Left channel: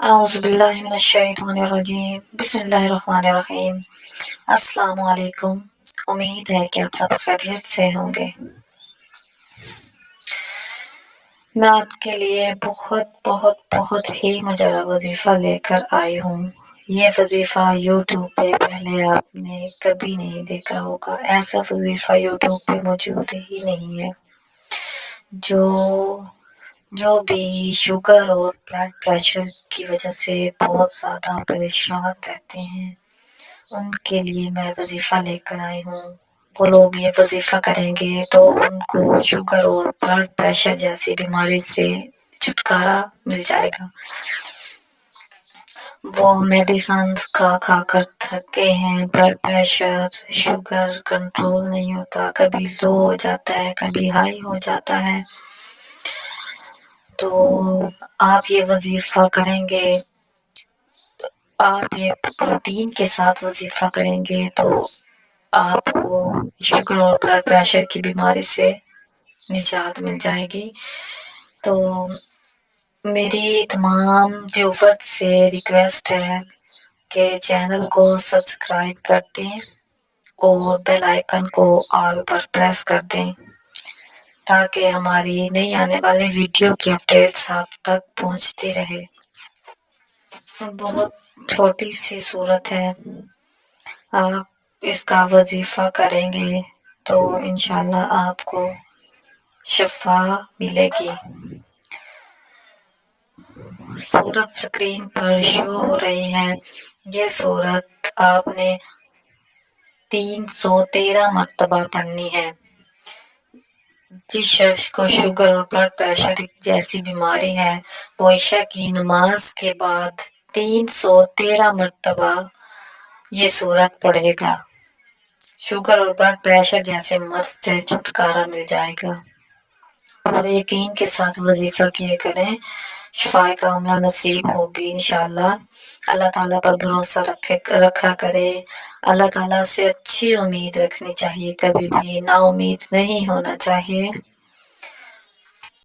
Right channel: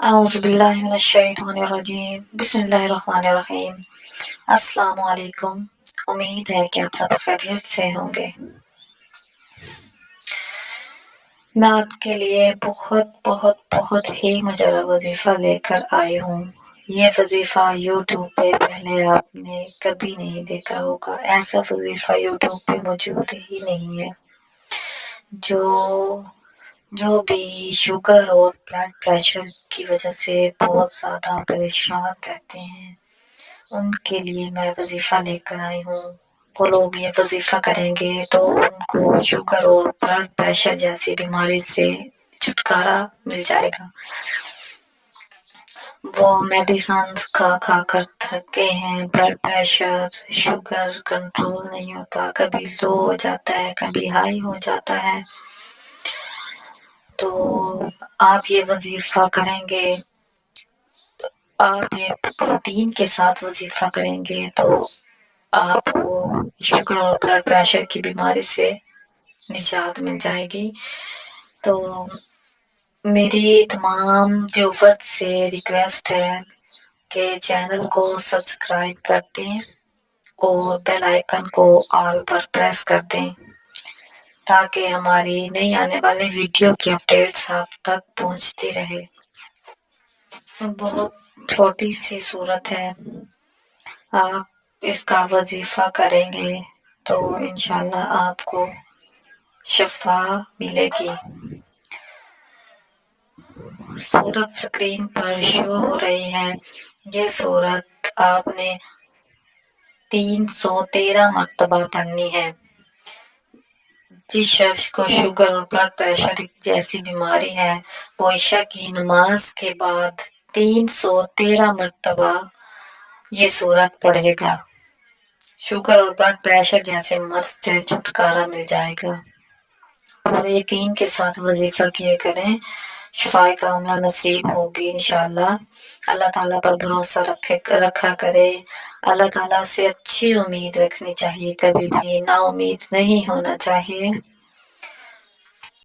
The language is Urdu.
اعوذ باللہ من الشیطان الرجیم بسم اللہ الرحمن الرحیم۔ السلام علیکم، امید ہے کہ آپ سب خیریت سے ہوں گے۔ میں آپ کے لیے بہت بہت بہت ہی مجرہ وظیفہ لے کر آئی ہوں۔ یہ وظیفہ یوٹیوب پہ پہلے آپ نے کبھی نہیں دیکھا ہوگا، ایسا وظیفہ یوٹیوب پہ موجود ہی نہیں ہے۔ جو بھی شوگر اور بلڈ پریشر کی وجہ سے بہت زیادہ پریشان رہتے ہیں، ان کے لیے میں وظیفہ لے کر آئی ہوں۔ وہ لوگ یہ وظیفہ کریں گے تو ان کو شوگر اور بلڈ پریشر جیسی بیماری سے چھٹکارا مل جائے گا۔ وہ میڈیسنز کھا کر تھکے ہیں، بلڈ پریشر شوگر کنٹرول نہیں ہوتا، کبھی لو ہو جاتا ہے، کبھی ہائی ہو جاتا ہے۔ تو آپ یہ وظیفہ کریں گے، آپ یہ پروٹین کے ساتھ وظیفہ کریں گے تو آپ کو شوگر اور بلڈ پریشر کی بیماری سے نجات مل جائے گی۔ تو میری تمام ویورز سے ریکویسٹ ہے کہ چینل کو سبسکرائب کر دیں اور بیل آئیکن کو آل پر پریس کر دیں تاکہ ہماری نئی آنے والی ویڈیو کی اپڈیٹس آپ تک پہنچتی رہے۔ بہت چھوٹی سی صورت ہے، آپ اس کا وظیفہ کریں گے تو انشاءاللہ آپ کو شفا ملے گی۔ صورت سکرین پر شو ہو رہی ہے، یہ صورت آپ نے 313 مرتبہ پڑھنی ہے۔ جس شخص کو شوگر اور بلڈ پریشر جیسی بیماری ہے وہ عشاء کی نماز کے بعد 313 مرتبہ یہ صورت پڑھے گا، شوگر اور بلڈ پریشر جیسے مرض سے چھٹکارا مل جائے گا۔ اور یقین کے ساتھ وظیفہ کیے کریں، شفائے کاملہ نصیب ہوگی انشاءاللہ۔ اللہ تعالیٰ پر بھروسہ رکھا کرے، اللہ تعالیٰ سے اچھی امید رکھنی چاہیے، کبھی بھی نا امید نہیں ہونا چاہیے۔